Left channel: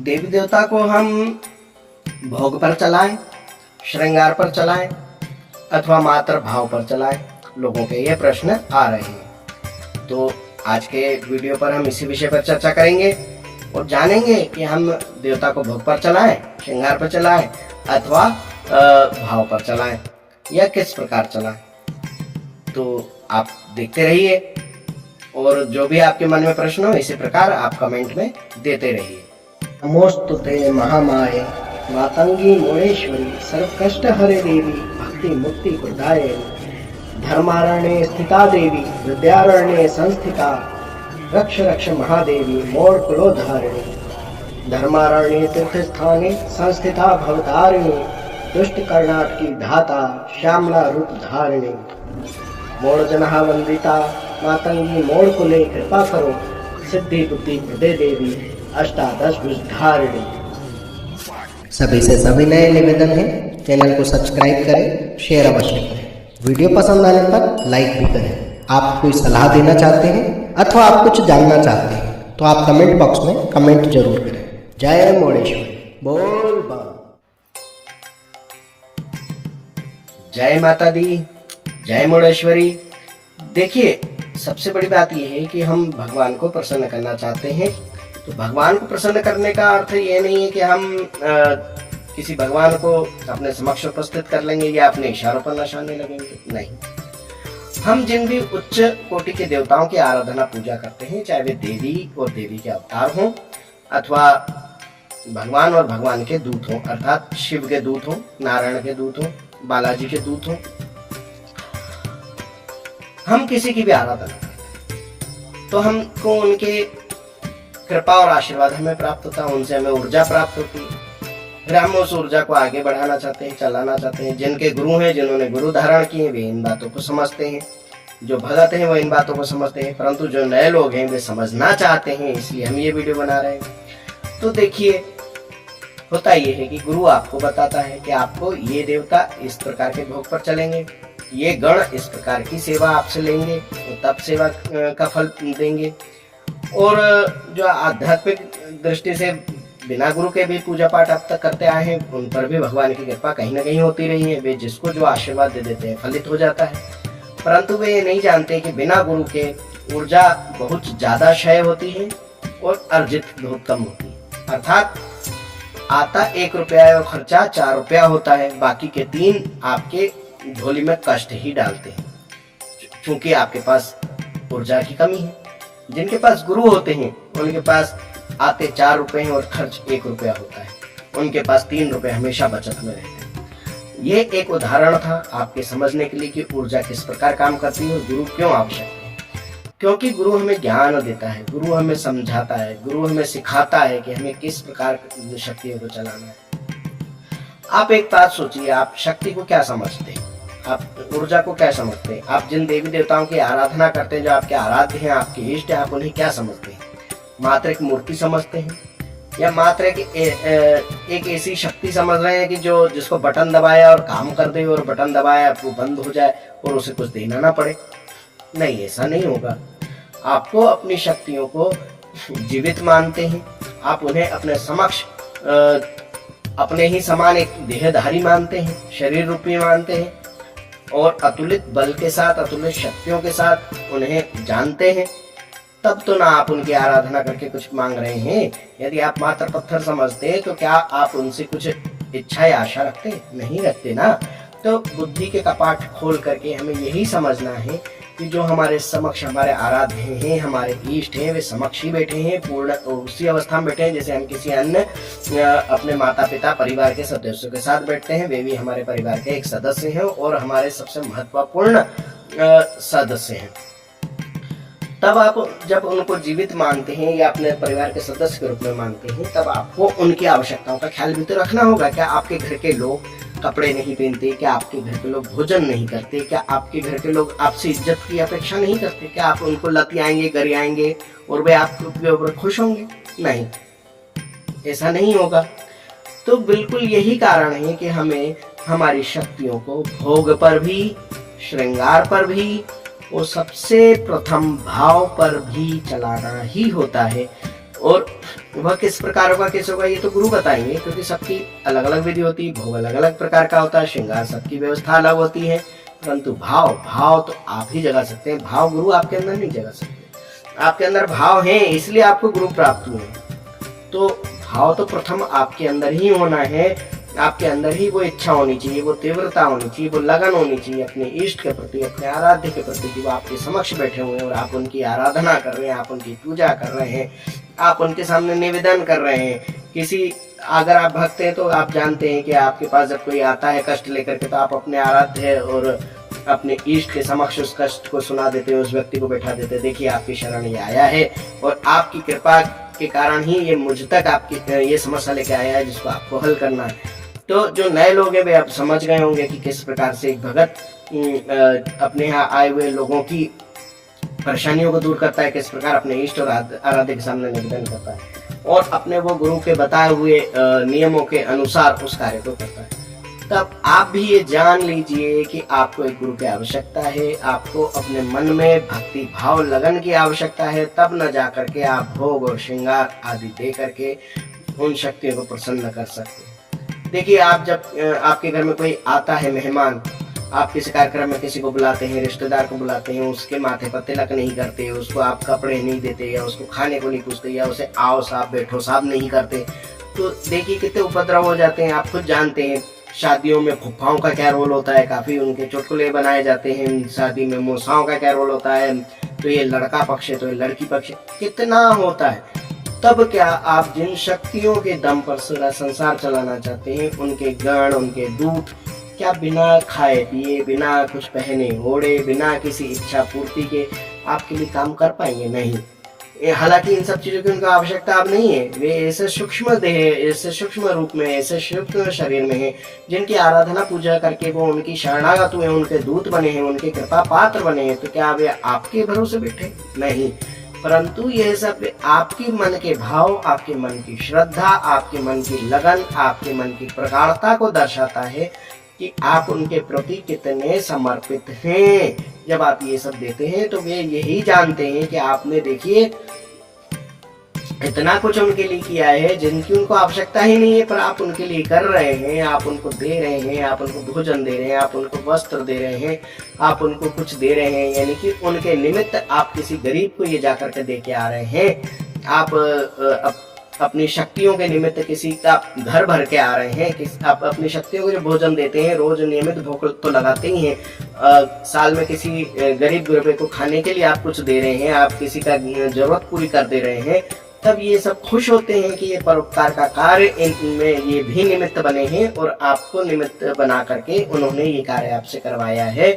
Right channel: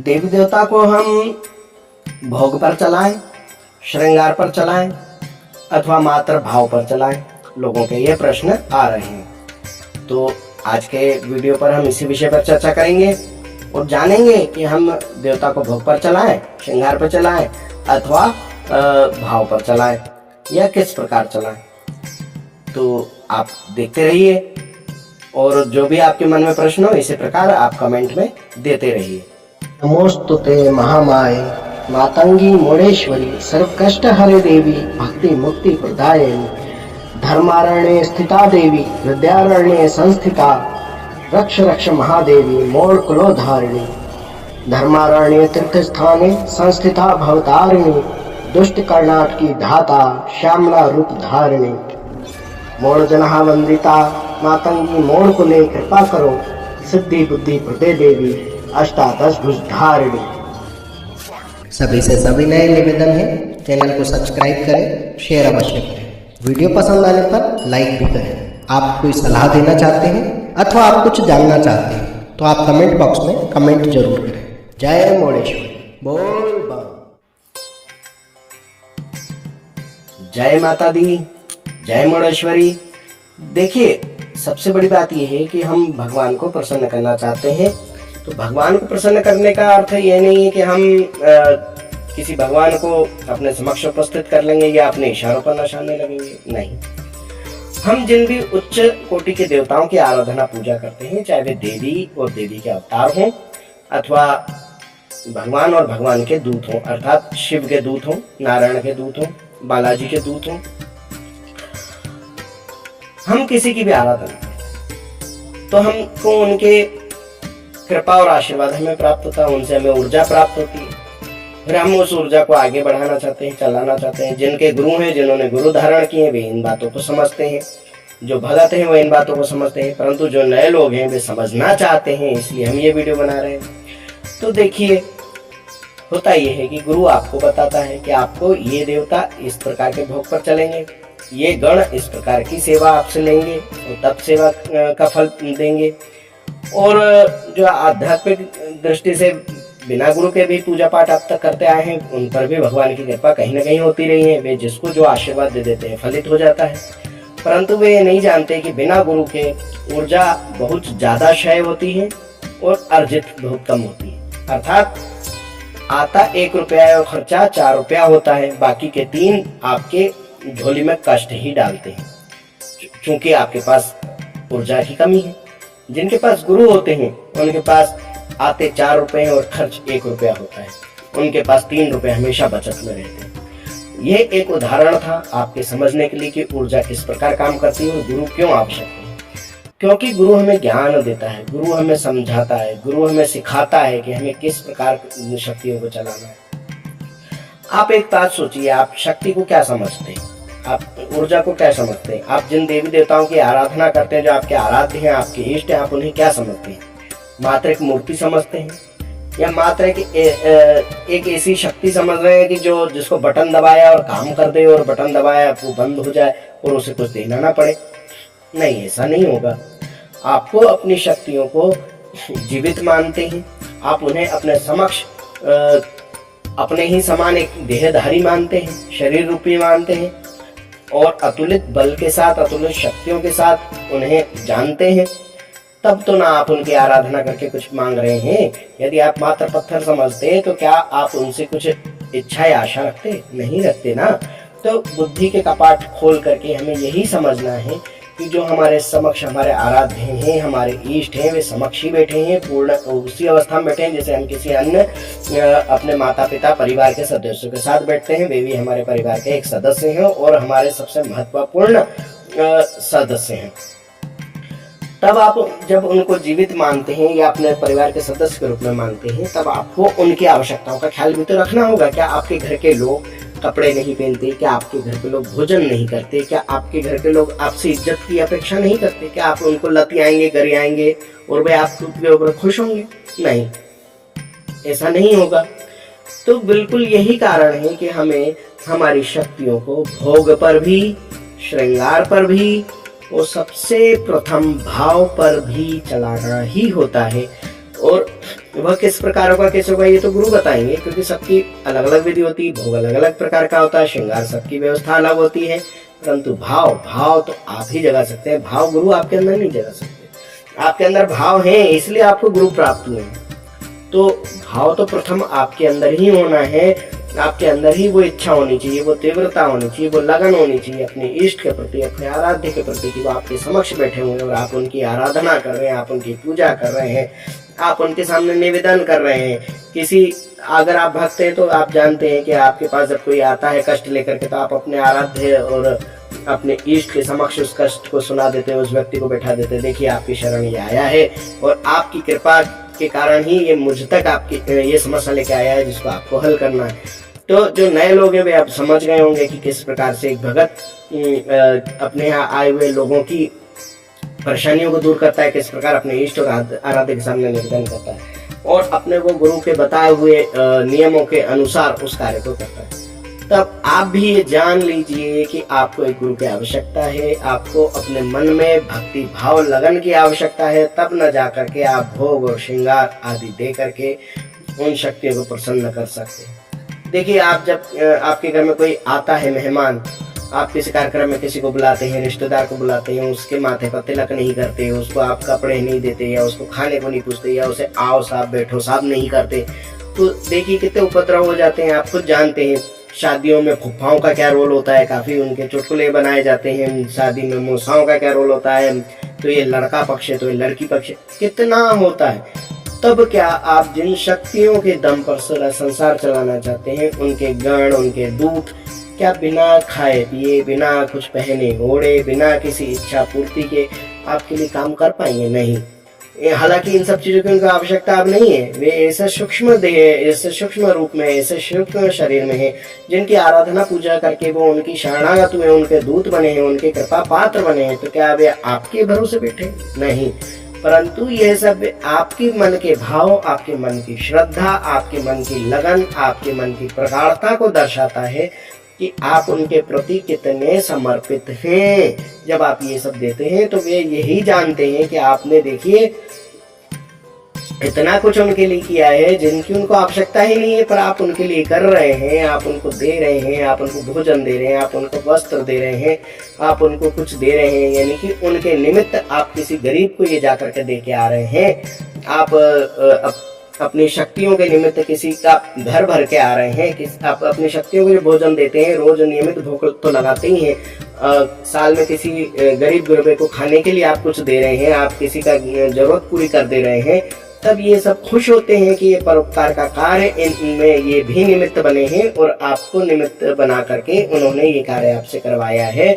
देवी देवता को हम भोग पर चलाएं, श्रृंगार पर चलाएं अथवा मात्र भाव पर चलाएं, लोगों के ये प्रश्न आ रहे हैं। तो आज के वीडियो पर हम इसी विषय पर चर्चा करेंगे और जानेंगे कि हम देवता को भोग पर चलाएं, श्रृंगार पर चलाएं अथवा भाव पर चलाएं या किस प्रकार चलाएं। तो आप देखते रहिए और जो भी आपके मन में प्रश्न हो इसी प्रकार आप कमेंट में देते रहिए। नमोस्तुते महामाये मातंगी मुंडेश्वरी सर्वकष्ट हरे देवी भक्ति मुक्ति प्रदायिनी धर्मारण्ये स्थिता देवी विद्यारण्ये संस्थिता रक्ष रक्ष महादेवी मोर कुलोधारिणी धर्मारण्ये तीर्थस्थाने संस्थिता भवतारिणी दुष्ट कर्णाट की धाता श्यामला रूप धारिणी मोर जनहा वंदिता मातंगी मोर कुले कृपा करो सिद्धि बुद्धि प्रदे देवी अष्टादश भुजधारिणी। सभी से सविनय निवेदन है, चैनल को सब्सक्राइब करें, शेयर अवश्य करें, वीडियो पसंद आने पर लाइक भी करें। आप कोई सलाह देना चाहते हैं अथवा आप कुछ जानना चाहते हैं तो आप कमेंट बॉक्स में कमेंट जरूर करें। जय मुंडेश्वरी, बोल बम। जय माता दी, जय मुंडेश्वरी। देखिए, सबसे बड़ी बात यह है कि हम भगवान को प्रसन्न करना चाहते हैं। तो भगवान को प्रसन्न करने का अर्थ ये नहीं है कि हम किसी भगवान को अपने समक्ष उपस्थित कर लेंगे या अपने इशारों पर नचाने लगेंगे, नहीं। हम जिन भी उच्च कोटि के देवताओं की आराधना पूजा करते हैं, चाहे वे देवी और देवी के अवतार हों अथवा भगवान और भगवान के दूत हों, अर्थात शिव के दूत हों, नारायण के दूत हों, बालाजी के दूत हों, हम किसी की भी आराधना तो हमको उनके कृपा और आशीर्वाद हमें प्राप्त होता है, उनसे हमें ऊर्जा प्राप्त होती है। फिर हम उस ऊर्जा को आगे बढ़ाना चाहते हैं, चलाना चाहते हैं। जिनके गुरु हैं, जिन्होंने गुरु धारण किए, वे इन बातों को समझते हैं। जो भगत हैं वो इन बातों को समझते हैं, परंतु जो नए लोग हैं वे समझना चाहते हैं, इसलिए हम ये वीडियो बना रहे हैं। तो देखिए, होता ये है कि गुरु आपको बताता है कि आपको ये देवता इस प्रकार के भोग पर चलेंगे, ये गण इस प्रकार की सेवा आपसे लेंगे और तब सेवा का फल देंगे। और जो आध्यात्मिक दृष्टि से बिना गुरु के भी पूजा पाठ अब तक करते आए हैं, उन पर भी भगवान की कृपा कहीं ना कहीं होती रही है। वे जिसको जो आशीर्वाद दे देते हैं फलित हो जाता है, परंतु वे नहीं जानते कि बिना गुरु के ऊर्जा बहुत ज्यादा क्षय होती है और अर्जित बहुत कम होती है। अर्थात आता 1 रुपया और खर्चा 4 रुपया होता है, बाकी के 3 आपके झोली में कष्ट ही डालते हैं, क्योंकि आपके पास ऊर्जा की कमी है। जिनके पास गुरु होते हैं उनके पास आते 4 रुपए और खर्च 1 रुपया होता है, उनके पास 3 रुपए हमेशा बचत में रहते हैं। यह एक उदाहरण था आपके समझने के लिए कि ऊर्जा किस प्रकार काम करती है और गुरु क्यों आवश्यक है। क्योंकि गुरु हमें ज्ञान देता है, गुरु हमें समझाता है, गुरु हमें सिखाता है कि हमें किस प्रकार शक्तियों को चलाना है। आप एक बात सोचिए, आप शक्ति को क्या समझते हैं, आप ऊर्जा को क्या समझते हैं? आप जिन देवी देवताओं की आराधना करते हैं, जो आपके आराध्य हैं, आपके इष्ट हैं, आप उन्हें क्या समझते हैं? मात्र एक मूर्ति समझते हैं या मात्र एक ऐसी शक्ति समझ रहे हैं कि जो जिसको बटन दबाया और काम कर दे और बटन दबाया वो बंद हो जाए और उसे कुछ देना ना पड़े? नहीं, ऐसा नहीं होगा। आपको अपनी शक्तियों को जीवित मानते हैं, आप उन्हें अपने समक्ष अपने ही समान एक देहधारी मानते हैं, शरीर रूपी मानते हैं और अतुलित बल के साथ, अतुलित शक्तियों के साथ उन्हें जानते हैं। तब तो ना आप उनकी आराधना करके कुछ मांग रहे हैं। यदि आप मात्र पत्थर समझते हैं तो क्या आप उनसे कुछ इच्छा या आशा रखते? नहीं रखते ना। तो बुद्धि के कपाट खोल करके हमें यही समझना है कि जो हमारे समक्ष हमारे आराध्य हैं, हमारे इष्ट हैं, वे समक्ष ही बैठे हैं, पूर्ण उसी अवस्था में बैठे हैं जैसे हम किसी अन्य अपने माता पिता परिवार के सदस्यों के साथ बैठते हैं। वे भी हमारे परिवार के एक सदस्य हैं और हमारे सबसे महत्वपूर्ण सदस्य हैं। तब आप जब उनको जीवित मानते हैं या अपने परिवार के सदस्य के रूप में मानते हैं, तब आपको उनकी आवश्यकताओं का ख्याल भी तो रखना होगा। क्या आपके घर के लोग कपड़े नहीं पहनते? क्या आपके घर के लोग भोजन नहीं करते? क्या आपके घर के लोग आपसे इज्जत की अपेक्षा नहीं करते? क्या आप उनको लतियाएंगे, गरियाएंगे और वे आपके ऊपर खुश होंगे? नहीं, ऐसा नहीं होगा। तो बिल्कुल यही कारण है कि हमें हमारी शक्तियों को भोग पर भी, श्रृंगार पर भी और सबसे प्रथम भाव पर भी चलाना ही होता है। और वह किस प्रकार होगा, कैसे होगा, ये तो गुरु बताएंगे, क्योंकि सबकी अलग अलग विधि होती है, भोग अलग अलग प्रकार का होता है, श्रृंगार सबकी व्यवस्था अलग होती है। परंतु भाव तो आप ही जगा सकते हैं, भाव गुरु आपके अंदर नहीं जगा सकते। आपके अंदर भाव है, इसलिए आपको गुरु प्राप्त हुए। तो भाव तो प्रथम आपके अंदर ही होना है, आपके अंदर ही वो इच्छा होनी चाहिए, वो तीव्रता होनी चाहिए, वो लगन होनी चाहिए अपने इष्ट के प्रति, अपने आराध्य के प्रति, कि वो आपके समक्ष बैठे हुए हैं और आप उनकी आराधना कर रहे हैं, आप उनकी पूजा कर रहे हैं, आप उनके सामने निवेदन कर रहे हैं। किसी अगर आप भक्त हैं तो आप जानते हैं कि आपके पास जब कोई आता है कष्ट लेकर के, तो आप अपने आराध्य और अपने इष्ट के समक्ष उस कष्ट को सुना देते हैं, उस व्यक्ति को बैठा देते हैं, देखिए आपकी शरण ये आया है और आपकी कृपा के कारण ही ये मुझ तक आपकी ये समस्या लेके आया है जिसको आपको हल करना है। तो जो नए लोग हैं वे अब समझ गए होंगे कि किस प्रकार से एक भगत अपने यहाँ आए हुए लोगों की परेशानियों को दूर करता है, किस प्रकार अपने इष्ट और आराध्य के सामने निवेदन करता है और अपने वो गुरु के बताए हुए नियमों के अनुसार उस कार्य को करता है। तब आप भी ये जान लीजिए कि आपको एक गुरु की आवश्यकता है, आपको अपने मन में भक्ति भाव लगन की आवश्यकता है, तब न जा करके आप भोग और श्रृंगार आदि दे करके उन शक्तियों को प्रसन्न कर सकते हैं। देखिए, आप जब आपके घर में कोई आता है मेहमान, आप किसी कार्यक्रम में किसी को बुलाते हैं, रिश्तेदार को बुलाते हैं, उसके माथे पर तिलक नहीं करते, उसको आप कपड़े नहीं देते या उसको खाने को नहीं पूछते या उसे आओ साहब बैठो साहब नहीं करते, तो देखिए कितने उपद्रव हो जाते हैं। आप खुद जानते हैं शादियों में फुफ्फाओं का क्या रोल होता है, काफ़ी उनके चुटकुले बनाए जाते हैं। शादी में मौसाओं का क्या रोल होता है, तो ये लड़का पक्ष है तो ये लड़की पक्ष, कितना होता है। तब क्या आप जिन शक्तियों के दम पर सारा संसार चलाना चाहते हैं, उनके गण उनके दूत क्या बिना खाए पिए, बिना कुछ पहने ओढ़े, बिना किसी इच्छा पूर्ति के आपके लिए काम कर पाएंगे? नहीं। हालांकि इन सब चीज़ों की उनको आवश्यकता अब नहीं है, वे ऐसे सूक्ष्म देह, ऐसे सूक्ष्म रूप में, ऐसे सूक्ष्म शरीर में है, जिनकी आराधना पूजा करके वो उनकी शरणागत हुए, उनके दूत बने हैं, उनके कृपा पात्र बने हैं। तो क्या वे आपके भरोसे बैठे? नहीं। परंतु यह सब आपके मन के भाव, आपके मन की श्रद्धा, आपके मन की लगन, आपके मन की प्रगाढ़ता को दर्शाता है कि आप उनके प्रति कितने समर्पित हैं। जब आप ये सब देते हैं तो वे यही जानते हैं कि आपने देखिए इतना कुछ उनके लिए किया है जिनकी उनको आवश्यकता ही नहीं है, पर आप उनके लिए कर रहे हैं, आप उनको दे रहे हैं, आप उनको भोजन दे रहे हैं, आप उनको वस्त्र दे रहे हैं, आप उनको कुछ दे रहे हैं, यानी कि उनके निमित्त आप किसी गरीब को ये जाकर के दे के आ रहे हैं। आप अपनी शक्तियों के निमित्त किसी का घर भर के आ रहे हैं, आप अपनी शक्तियों को जो भोजन देते हैं, रोज नियमित भूख तो लगाते ही हैं, साल में किसी गरीब गुरबे को खाने के लिए आप कुछ दे रहे हैं, आप किसी का जरूरत पूरी कर दे रहे हैं, तब ये सब खुश होते हैं कि ये परोपकार का कार्य इनमें ये भी निमित्त बने हैं और आपको निमित्त बना करके उन्होंने ये कार्य आपसे करवाया है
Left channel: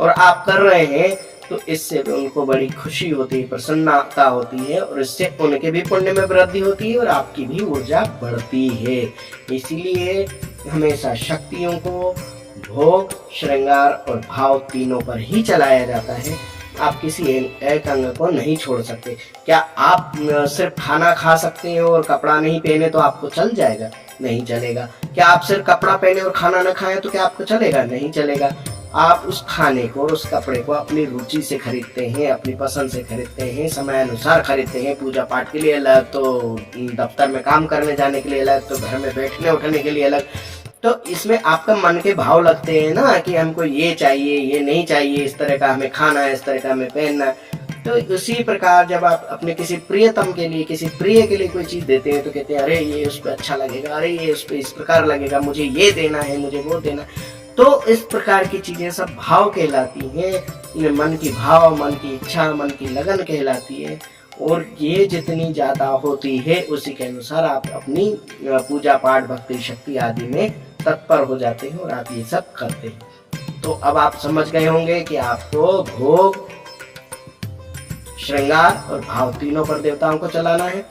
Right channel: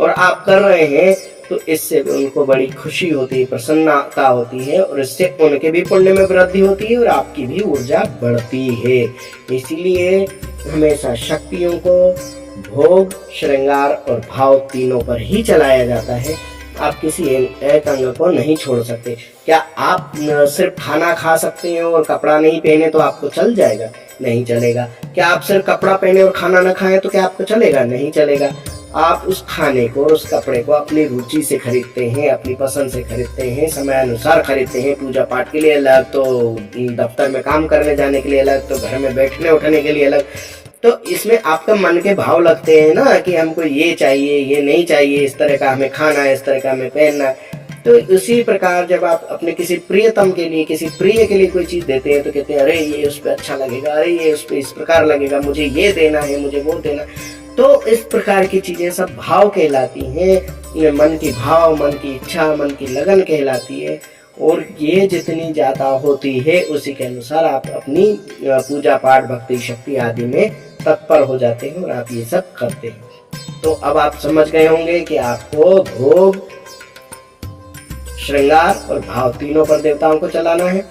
और आप कर रहे हैं। तो इससे भी उनको बड़ी खुशी होती है, प्रसन्नता होती है और इससे उनके भी पुण्य में वृद्धि होती है और आपकी भी ऊर्जा बढ़ती है। इसीलिए हमेशा शक्तियों को भोग, श्रृंगार और भाव तीनों पर ही चलाया जाता है। आप किसी एक अंग को नहीं छोड़ सकते। क्या आप सिर्फ खाना खा सकते हैं और कपड़ा नहीं पहने तो आपको चल जाएगा? नहीं चलेगा। क्या आप सिर्फ कपड़ा पहने और खाना न खाएं तो क्या आपको चलेगा? नहीं चलेगा। आप उस खाने को और उस कपड़े को अपनी रुचि से खरीदते हैं, अपनी पसंद से खरीदते हैं, समय अनुसार खरीदते हैं। पूजा पाठ के लिए अलग, तो दफ्तर में काम करने जाने के लिए अलग, तो घर में बैठने उठने के लिए अलग। तो इसमें आपका मन के भाव लगते हैं ना कि हमको ये चाहिए, ये नहीं चाहिए, इस तरह का हमें खाना है, इस तरह का हमें पहनना है। तो उसी प्रकार जब आप अपने किसी प्रियतम के लिए, किसी प्रिय के लिए कोई चीज़ देते हैं तो कहते हैं अरे ये उस पर अच्छा लगेगा, अरे ये उस पर इस प्रकार लगेगा, मुझे ये देना है, मुझे वो देना। तो इस प्रकार की चीज़ें सब भाव कहलाती हैं। मन की भाव, मन की इच्छा, मन की लगन कहलाती है और ये जितनी ज़्यादा होती है उसी के अनुसार आप अपनी पूजा पाठ, भक्ति, शक्ति आदि में तत्पर हो जाते हैं और आप ये सब करते हैं। तो अब आप समझ गए होंगे कि आपको भोग, श्रृंगार और भाव तीनों पर देवताओं को चलाना है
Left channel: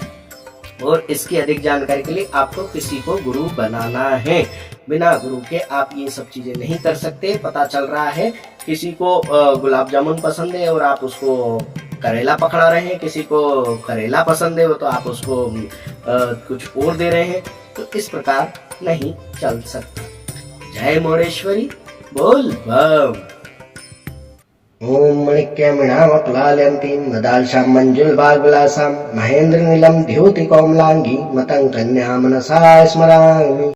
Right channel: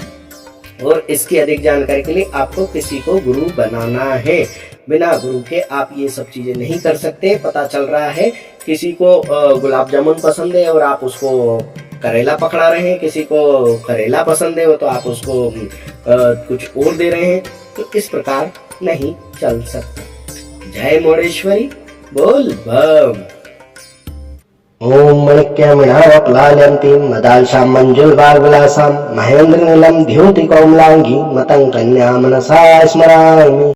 और इसकी अधिक जानकारी के लिए आपको किसी को गुरु बनाना है। बिना गुरु के आप ये सब चीज़ें नहीं कर सकते। पता चल रहा है किसी को गुलाब जामुन पसंद है और आप उसको करेला पकड़ा रहे हैं, किसी को करेला पसंद है तो आप उसको कुछ और दे रहे हैं। तो इस प्रकार नहीं चल सकता। जय मोरेश्वरी, बोल बम। ओम मणिक्यमिणावक्लालयन्तीं मदालसां मञ्जुलभागविलासां महेन्द्रनीलं द्युतिकोमलाङ्गीं मतं कन्या मनसा स्मरामि।